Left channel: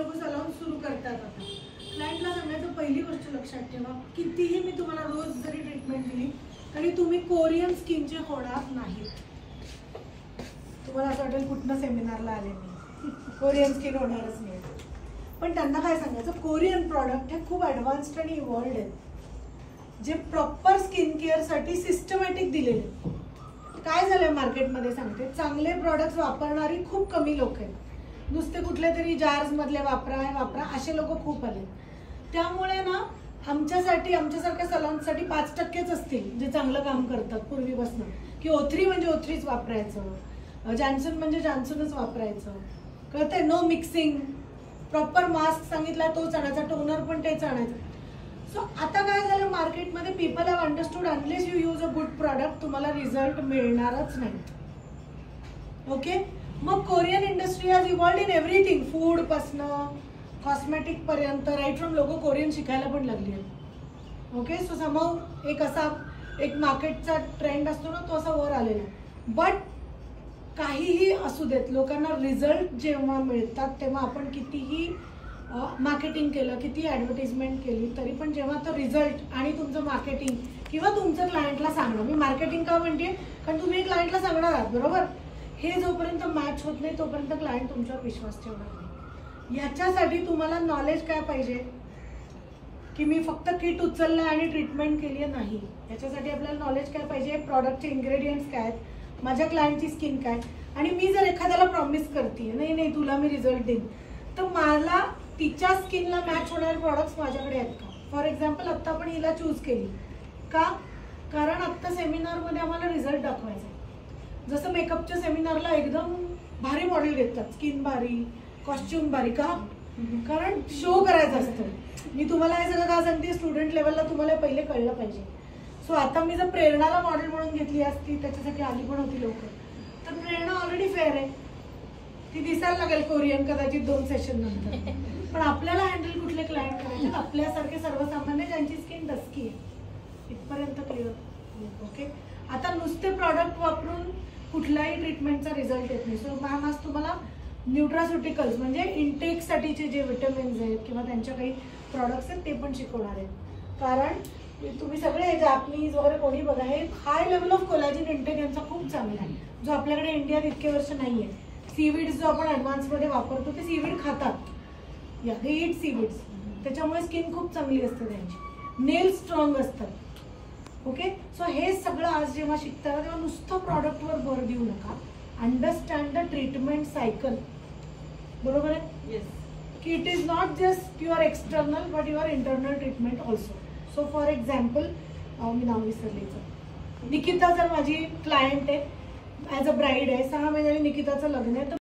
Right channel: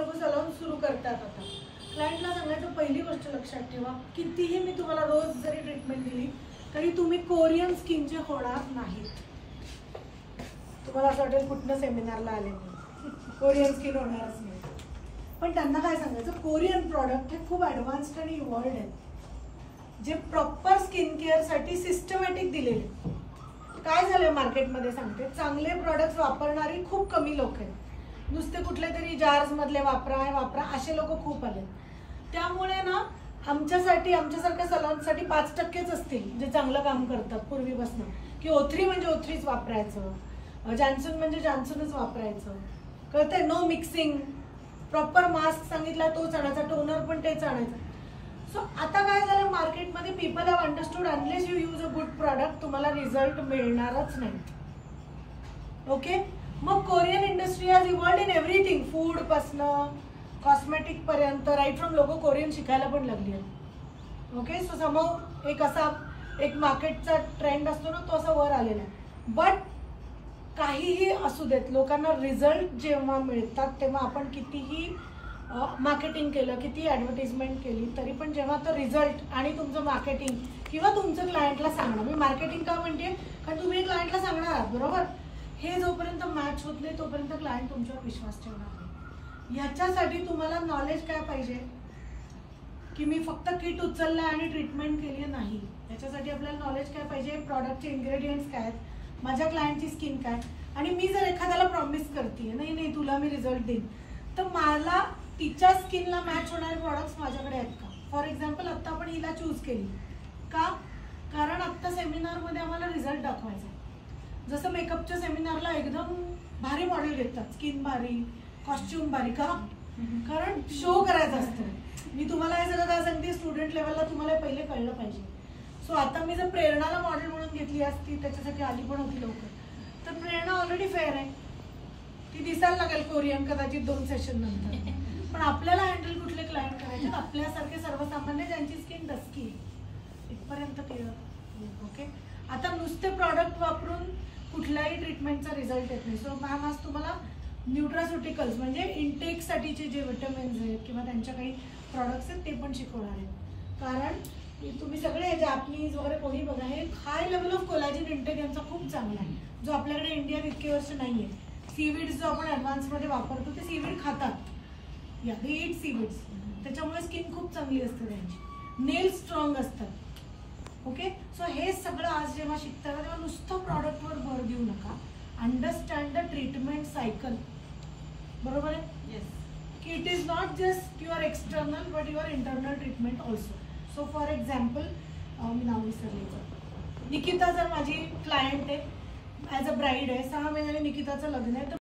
लोक सलून सुरू करतात आता, क्लायंटला सांगायचं पहिली गोष्ट लक्षात ठेवा, कितीही मी तुम्हाला रोज जरी ट्रीटमेंट दिली तरी तुम्ही कोरियन स्किनचे होणार नाहीत. तुम्हाला असं वाटेल कुठनं सेमिनारला आले नाही, कोरियन स्किन होणारच नाही. पण त्यांना काय सांगायचं, कोरियन प्रॉडक्ट हे खूप ॲडव्हान्स्ड आणि इव्हॉल्ड आहेत, जे प्रॉपर स्किन केअरसाठी सिस्टमॅटिक दिलेले. काय झालंय मार्केटमध्ये सांगते, चांगले प्रॉडक्ट्स वापरणारी खूप कमी लोक आहेत. नुसते कुठले तरी जार्स मधले वापरा असे लोक खूप आले. त्यामुळे ना आमच्यासाठी, आमच्यासारख्या सलॉन्ससाठी 5%च असतील जे चांगलं काम करतात पूर्वीपासून, की O3 म्हणजे O3च वापरायचं, जॉन्सन म्हणजे जॉन्सनच वापरायचं, कळते, नो मिक्सिंग, प्रॉपर मास्क सांगितला तोच आणायचा, टोनर पण तेच आणायचं. सो आता काय झालं मार्केटमध्ये, people have understood unless you use a good product तुम्हाला रिझल्ट मिळणारच नाही. ओके, मग Korean industry has evolved in everything, food पासनं कॉस्मेटिक पर्यंत, राईट फ्रॉम लोक कोरियन शिकायला पण लागली आहेत. ओके, सो समोर एक असा एक मार्केटचा ट्रेंड असतो ना, तो असा वर आलेला आहे. बट काहीही असू देत, लोकांना रिझल्ट जेव्हा मिळतात तेव्हा आपण कितीही मार्केटिंग केलं, किती ॲडव्हर्टिजमेंट केली तरी पण जेव्हा तो रिझल्ट आणि तुमचं मार्केटिंग किंवा तुमचं क्लायंटला सांगणं, मी मार्केटिंग का म्हणते, कारण तुम्ही क्लायंटला सांगणार आहात बरोबर, हे जोपर्यंत मॅच होत नाही तोपर्यंत क्लायंट तुमच्यावर विश्वास ठेवणार नाही. याच्यासाठी तुम्हाला नॉलेज काय पाहिजे, की मी फक्त किट उचललं आणि ट्रीटमेंट केली नाही. याच्यासाठी आपल्याला नॉलेज काय पाहिजे, प्रॉडक्टचे इन्ग्रेडियंट्स काय आहेत, माझ्या क्लायंटची स्किन काय, आणि मी जर एखाद्याला प्रॉमिस करते नाही तुला मी रिझल्ट देईन, तर मला तिच्या स्किनला मॅच होणारे प्रॉडक्ट्स माझ्याकडे आहेत का. फॉर एक्झाम्पल आत्ता आपण हिला चूज केली का, कारण आत्ता सेमिनारमध्ये आम्हाला रिझल्ट दाखवायचा आहे. जसं मेकअपच्या सेमिनारला एकदम भारी मॉडेल घेतात, स्किन भारी, कॉस्ट्युम भारी, का, कारण शो करायचं असतं. मी तुम्हाला हे सगळं का सांगते, स्टुडंट लेवलला तुम्हाला पहिले कळलं पाहिजे. सो आता मी जर प्रेरणाला मॉडेल म्हणून घेतली असती, त्याच्यासाठी आली पण होती लवकर, तर प्रेरणा ऑलरेडी फेअर आहे, ती दिसायला लागेल कोरियन कदाचित 2 सेशन नंतर. पण आपल्याला हँडल कुठले क्लायंट करायचे, आपल्यासारखे सर्वसामान्य ज्यांची स्किन डस्की आहे, इथपर्यंत क्लिअर. ओके, आता नुसते प्रॉडक्ट वापरून कुठल्याही ट्रीटमेंटचा रिझल्ट येत नाही. सो मॅम आज तुम्हाला न्यूट्रास्युटिकल्स म्हणजे इंटेकसाठीचे जे विटॅमिन्स आहेत किंवा त्यांच्या काही प्रॉडक्ट्स आहेत ते पण शिकवणार आहेत. कारण तुम्ही सगळे जापनीज वगैरे कोणी बघा, हे high level of collagen intake यांचा खूप चांगला आहे, जो आपल्याकडे इंडियात इतके वर्ष नाही आहे. सीवीड्स जो आपण ॲडव्हान्समध्ये वापरतो ते सीवीड खातात, या दे ईट सीवीड्स, त्याच्यामुळे स्किन खूप चांगली असते त्यांची, नेल स्ट्रॉंग असतात. ओके, सो हे सगळं आज जेव्हा शिकता तेव्हा नुसतं प्रॉडक्टवर भर देऊ नका, अंडरस्टँड द ट्रीटमेंट सायकल. बरोबर आहे, येस, की it is not just your external but your internal treatment also. So for example, मी नाव विसरलेचं, निकिता जर माझी क्लायंट आहे, ॲज अ ब्राईड आहे, 6 महिन्यांनी निकिताचं लग्न आहे, तर